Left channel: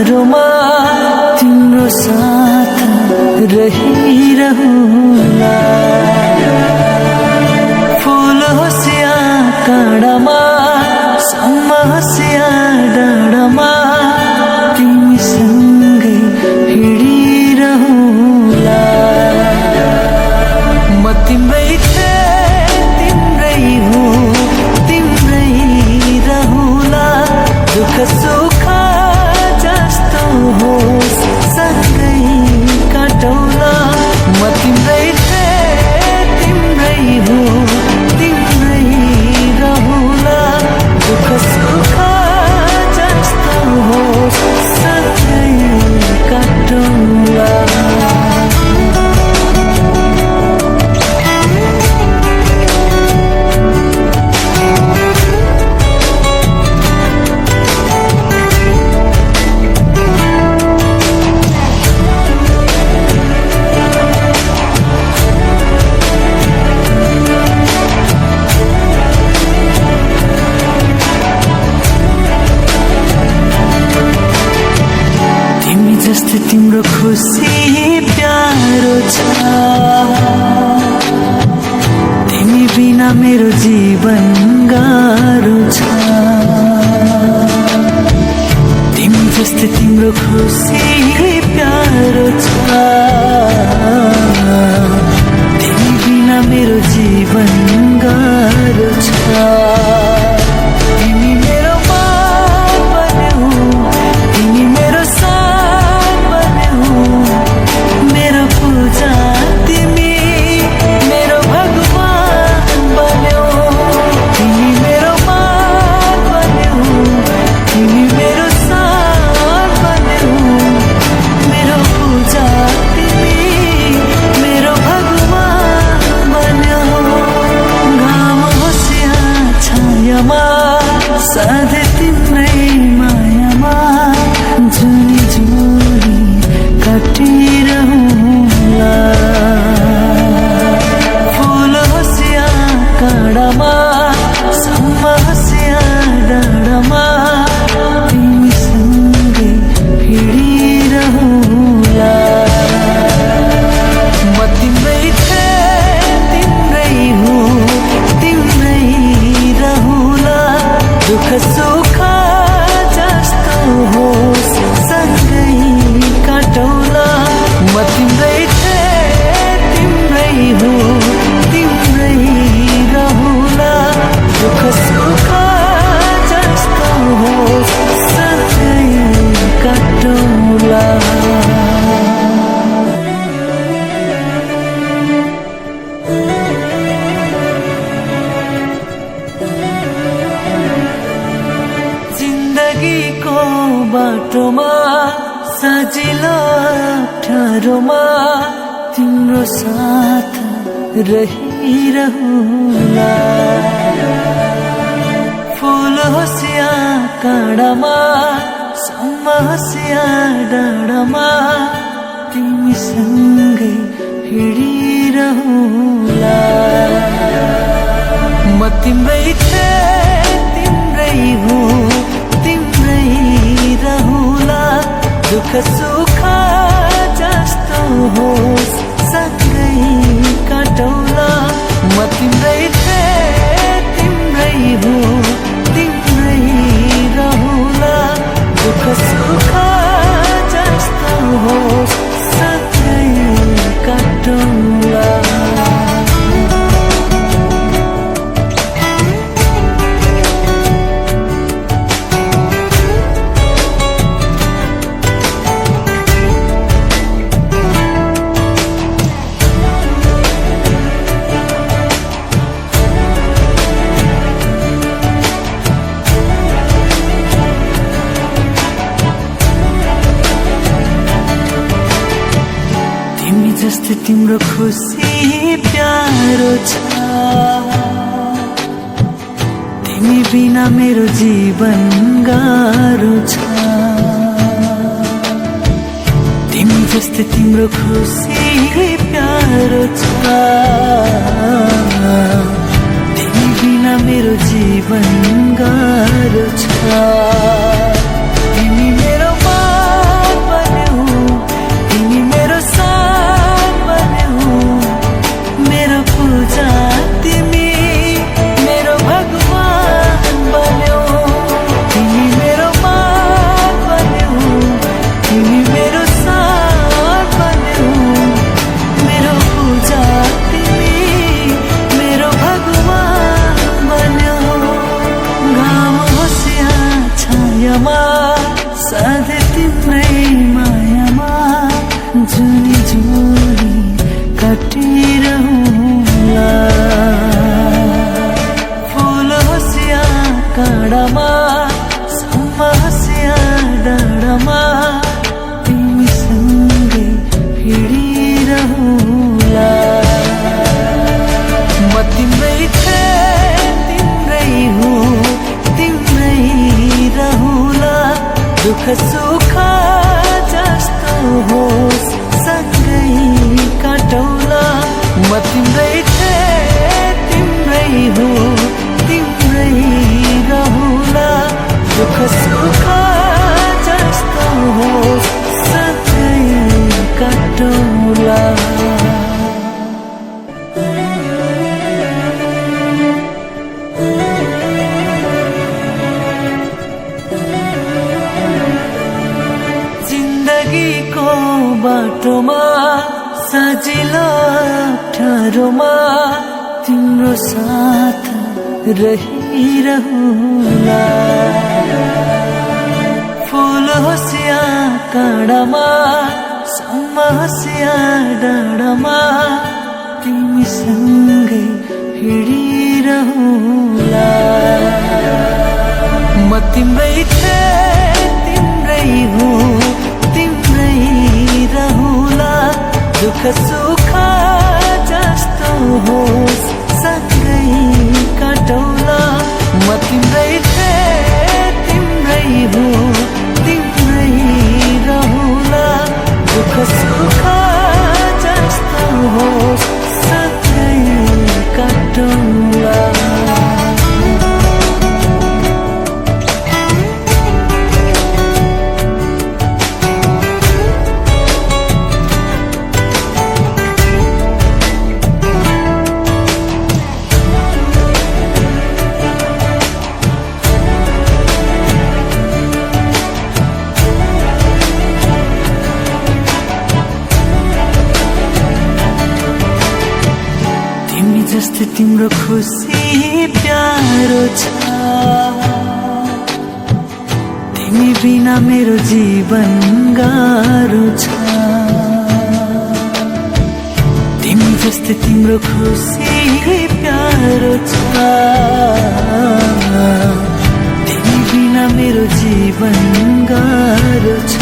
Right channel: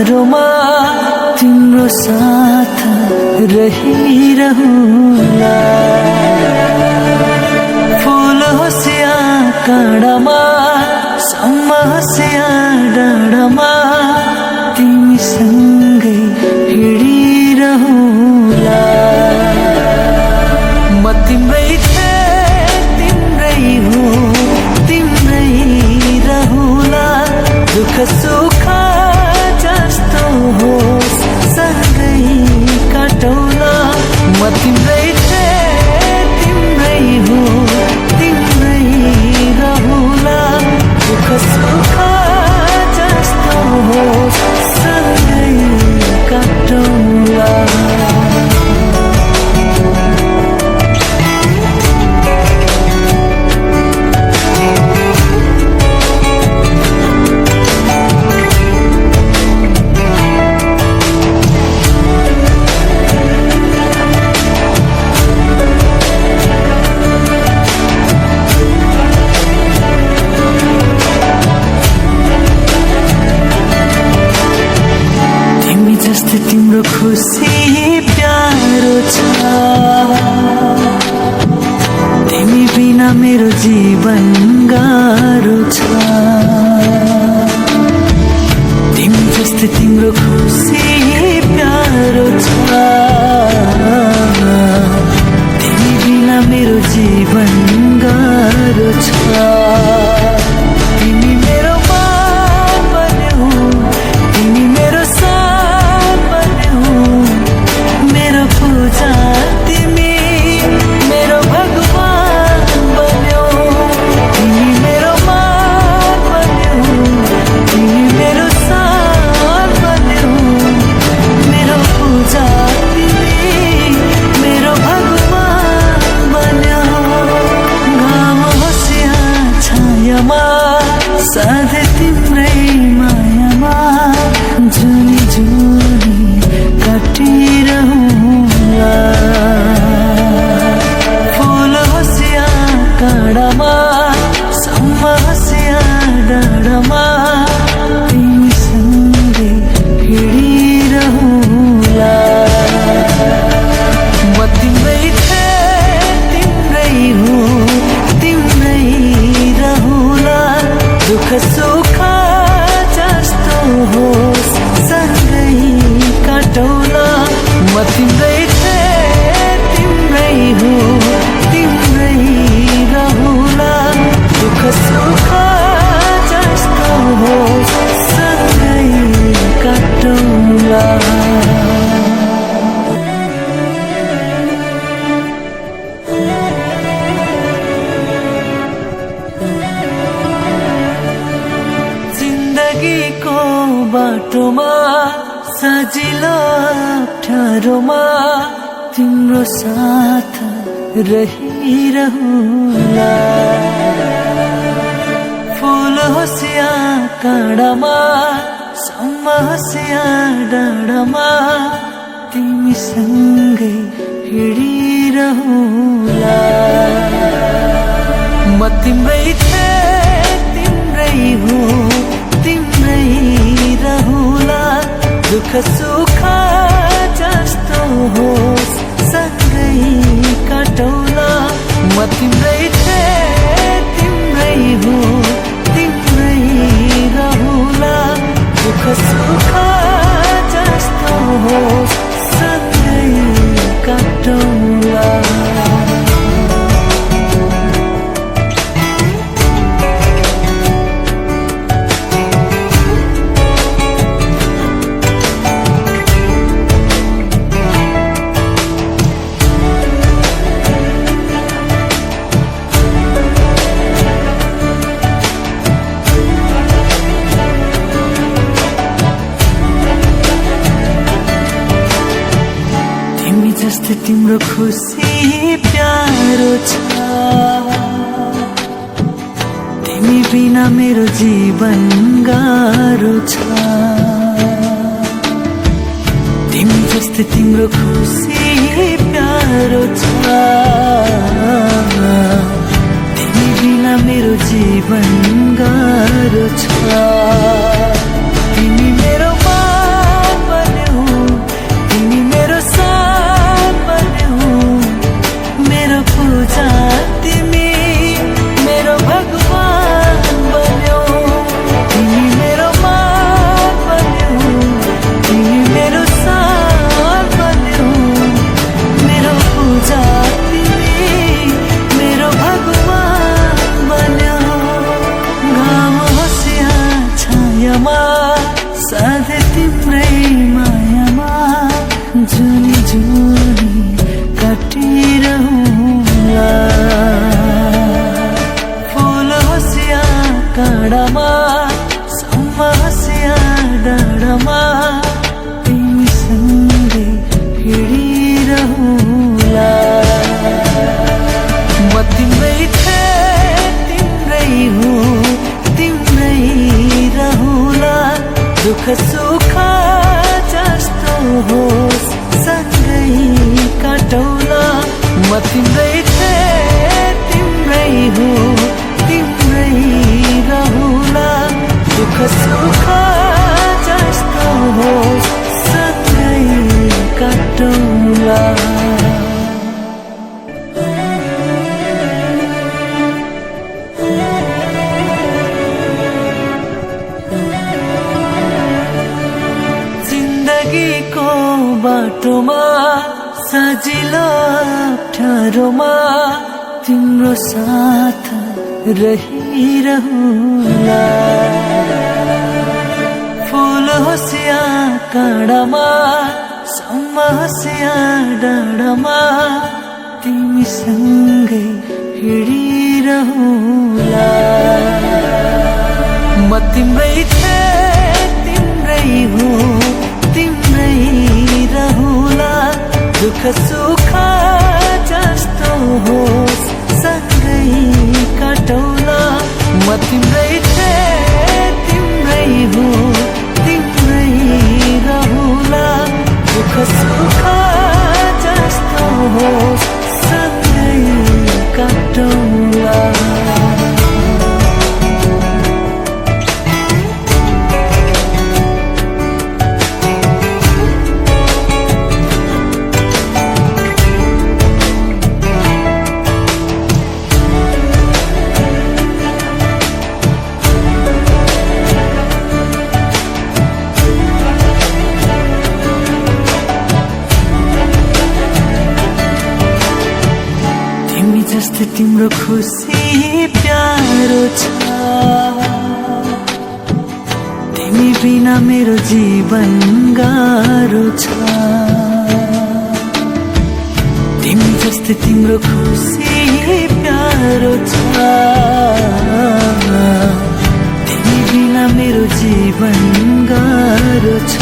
अप्ठ्यारोमा तिम्रो साथ रहिरहुला। फूल होस् या काँडामा, सम्म होस् या डाँडामा, तिमीसँगै हिँडिरहुला। म तिम्रै थिएँ, तिम्रै हो, तिम्रै रहुला। दुःख सुख जस्तो होस् सँगै काटौला। म तिम्रै थिएँ, तिम्रै हो, तिम्रै रहुला। दुःख सुख जस्तो होस् सँगै काटौला। जस्तै तिम्रो खुसी प्यारो छ, तिमी बिना मेरो जीवन गाह्रो छ। तिमी जस्तै तिम्रो खुसी प्यारो छ, तिमी बिना मेरो जीवन गाह्रो छ। तिमी मेरो मान बन्यौ, तिमी मेरो मेरो पूजा तिमी मेरो भगवान बन्यौ। तिमी मेरो मान बन्यौ, तिमी मेरो साथ बन्यौ। मेरो पूजा तिमी मेरो भगवान बन्यौ। घाम होस् या छायामा, सधैँ तिम्रै मायामा जुनी जुनी काटिरहुला। फूल होस् या काँडामा, सम्म होस् या डाँडामा, तिमीसँगै हिँडिरहुला। म तिम्रै थिएँ, तिम्रै हो, तिम्रै रहुला। दुःख सुख जस्तो होस् सँगै काटौला। म तिम्रै थिएँ, तिम्रै हो, तिम्रै रहुला। दुःख सुख जस्तो होस् सँगै काटौला। जिन्दगीको बाटोमा सजिलो अप्ठ्यारोमा तिम्रो साथ रहिरहुला। फूल होस् या काँडामा, सम्म होस् या डाँडामा, तिमीसँगै हिँडिरहुला। म तिम्रै थिएँ, तिम्रै हो, तिम्रै रहुला। दुःख सुख जस्तो होस् सँगै काटौला। म तिम्रै थिएँ, तिम्रै हो, तिम्रै रहुला। दुःख सुख जस्तो होस् सँगै काटौला। तिमी जस्तै तिम्रो खुसी प्यारो छ, तिमी बिना मेरो जीवन गाह्रो छ। तिमी जस्तै तिम्रो खुसी प्यारो छ, तिमी बिना मेरो जीवन गाह्रो छ। तिमी मेरो तिम्रै मायामा जुनी जुनी काटिरहुला फूल हसिया काँडामा सम्म हसिया डाँडामा तिमीसँगै हिँडिरहुला म तिम्रै थिएँ तिम्रै हुँ तिम्रै रहुला दुःख सुख जस्तो होस् सँगै काटौला म तिम्रै थिएँ तिम्रै हुँ तिम्रै रहुला दुःख सुख जस्तो होस् सँगै काटौला जिन्दगीको बाटोमा सजिलो अप्ठ्यारोमा तिम्रो साथ रहिरहुला फूल होसिया काँडामा सम्म होसिया डाँडामा तिमीसँगै हिँडिरहुला म तिम्रै थिएँ तिम्रै हुँ तिम्रै रहुला दुःख सुख जस्तो होस् सँगै काटौला म तिम्रै थिएँ तिम्रै हुँ तिम्रै रहुला दुःख सुख जस्तो होस् सँगै काटौला तिमी जस्तै तिम्रो खुसी प्यारो छ तिमी बिना मेरो जीवन गाह्रो छ तिमी जस्तै तिम्रो खुसी प्यारो छ तिमी बिना मेरो जीवन गाह्रो छ